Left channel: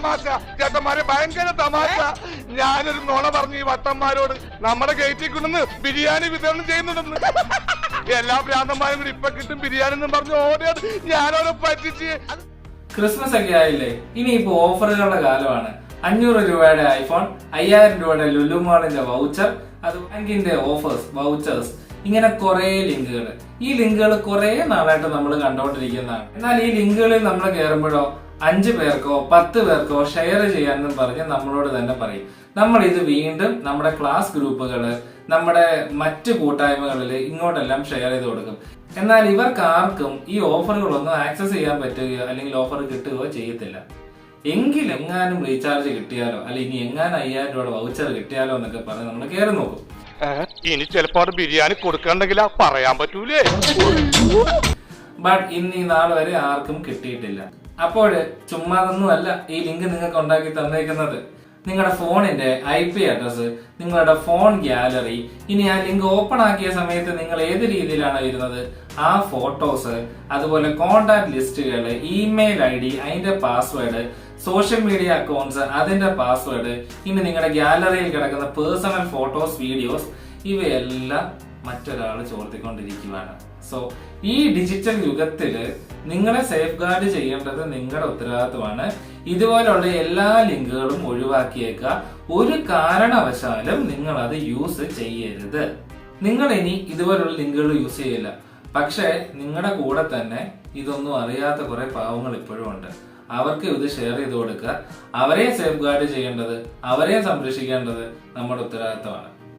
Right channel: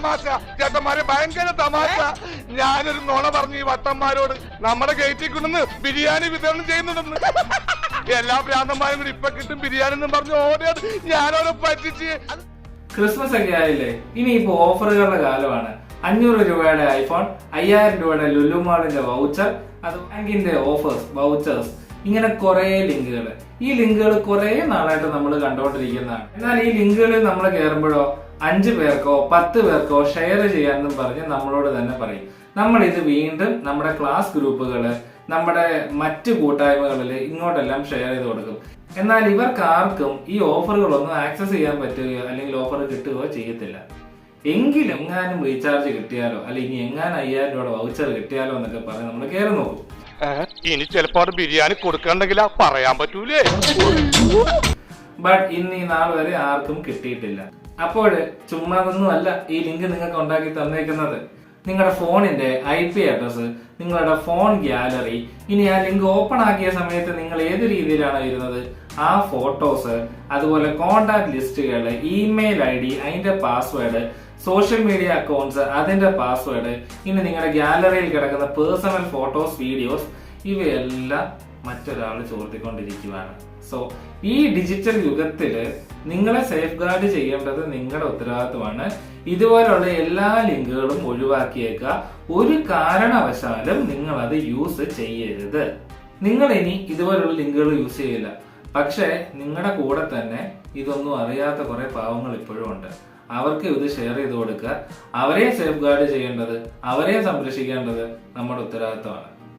തമാശ ചേട്ടന്മാരെ, ഭയങ്കര തമാശ. ഞാനൊരു നുണ പറഞ്ഞു ഈ വട്ടന്മാരോട്, നമ്മുടെ ഗേറ്റിൽ കൊണ്ടുവന്ന് ബിരിയാണി വിതരണം ചെയ്യുന്നുണ്ടെന്ന്. എല്ലാ ഭ്രാന്തന്മാരും കൂടി ഇപ്പൊ കിട്ടും ബിരിയാണി എന്നും പറഞ്ഞു ഓടിയത് ഞാനോരോ പറ്റിച്ച്. ക്രിസ്മസ് ഒക്കെ ആയില്ലേ, ഇനി ഇപ്പൊ ഓഫറുകളുടെ കാലമാണ്. 500 രൂപയുടെ ഐഫോൺ, 5000 രൂപയുടെ ലുലു മാളിന്റെ വൗച്ചർ, അത് ബാങ്കിന്റെ ഓഫേഴ്സ്, വൗച്ചേഴ്സ്, ഇങ്ങനെ കുറെ ലിങ്കുകൾ. ഈ ലിങ്കുകൾ കുറെ നാളായിട്ട് നമ്മൾ കണ്ടുകൊണ്ടിരിക്കുന്നതാണ്. എന്നാൽ ഈ ലിങ്കുകളിൽ നമ്മൾ കയറുമ്പോഴോ 5 പേർക്കോ 10 പേർക്കോ ഷെയർ ചെയ്യാനെന്നും പറഞ്ഞ് നമ്മളോട് തന്നെ പറയും. നമ്മൾ ഇത് വീണ്ടും നമ്മുടെ ക്ലാസ് ഗ്രൂപ്പുകള്, നമ്മുടെ മറ്റു കൂട്ടായ്മകളിൽ ഇങ്ങോട്ടെല്ലാം ഷെയർ ചെയ്ത് കൊടുക്കും. എന്നാൽ ഇവർക്ക് ആർക്കും ഈ ഓഫറുകളൊന്നും ആക്സസ് ചെയ്യാൻ പറ്റുകയോ അല്ലെങ്കിൽ ഓഫർ കിട്ടുകയോ ചെയ്യത്തില്ല. എങ്കിലും എങ്ങാനും റീചാർജ് കിട്ടിയാലോ അല്ലെങ്കിൽ ഇനി എങ്ങാനും 5000 രൂപയുടെ വൗച്ചർ കിട്ടിയാലോ എന്നൊക്കെ പറഞ്ഞ് നമ്മൾ കയറി നോക്കും. ഇനി ചിലപ്പോ ബിരിയാണി കൊടുക്കണ്ടെങ്കിലാ പറയാൻ പറ്റൂലേ. ബട്ട് ഇന്ന് ഈ നാൾ വരെ ആർക്കും കിട്ടിയിട്ടില്ല. അപ്പോൾ ചുമ്മാതൊന്നും അല്ല ഈ ലിങ്ക് നിങ്ങൾക്ക് ഉണ്ടാക്കി തന്നേക്കുന്നത്. നിങ്ങളുടെ ഫോണിന്റെ IP അഡ്രസ്, നിങ്ങളുടെ ഫോൺ ഗാലറി, ഇനി ആ ലിങ്ക് ഓപ്പൺ ആക്കിയ സമയത്ത് നിങ്ങൾ ഏത് രീതിയിലാണോ ഇരുന്നത് ആ ഫോട്ടോസ്, അതുപോലെ കോണ്ടാക്ട് ലിസ്റ്റുകൾ, ഇമെയിൽ ID, അതിന്റെ പാസ്വേഡ്, സോഷ്യൽ മീഡിയ അക്കൗണ്ട്സ്, അതിന്റെ പാസ്വേഡ്, ഇനി നിങ്ങളുടെ ഗാലറിയിൽ കിടക്കുന്ന പേഴ്സണൽ ഫോട്ടോസ്, വീഡിയോസ്, ഇവയെല്ലാം മറ്റൊരാൾ ചോർത്തിക്കൊണ്ടിരിക്കുകയാണ്. സോ ഈ ഡിജിറ്റൽ യുഗത്തില് നിങ്ങളെ സേഫ് ഗാർഡ് ചെയ്യേണ്ടത് നിങ്ങളുടെ ഉത്തരവാദിത്വമാണ്. ഇതുപോലുള്ള എല്ലാ ലിങ്കുകളും ഒഴിവാക്കിയേക്കുക. ഒരു കാരണവശാലും നിങ്ങൾ അത് യൂസ് ചെയ്യരുത്. നിങ്ങൾ ഇനി ഇതുപോലുള്ള ലിങ്കുകൾ യൂസ് ചെയ്യില്ല. പക്ഷേ നിങ്ങളുടെ കൂടെ തന്നെ ഇതൊന്നും അറിയാത്ത കുറെ പാവങ്ങൾ ഇപ്പോഴും ഉണ്ട്. അവർക്ക് ഇത് ഷെയർ ചെയ്ത് കൊടുക്കുക. അവരെ സേഫ് ഗാർഡ് ചെയ്യേണ്ടത്, അവരെ സംരക്ഷിക്കേണ്ടത് നമ്മുടെ ഉത്തരവാദിത്വമാണ്.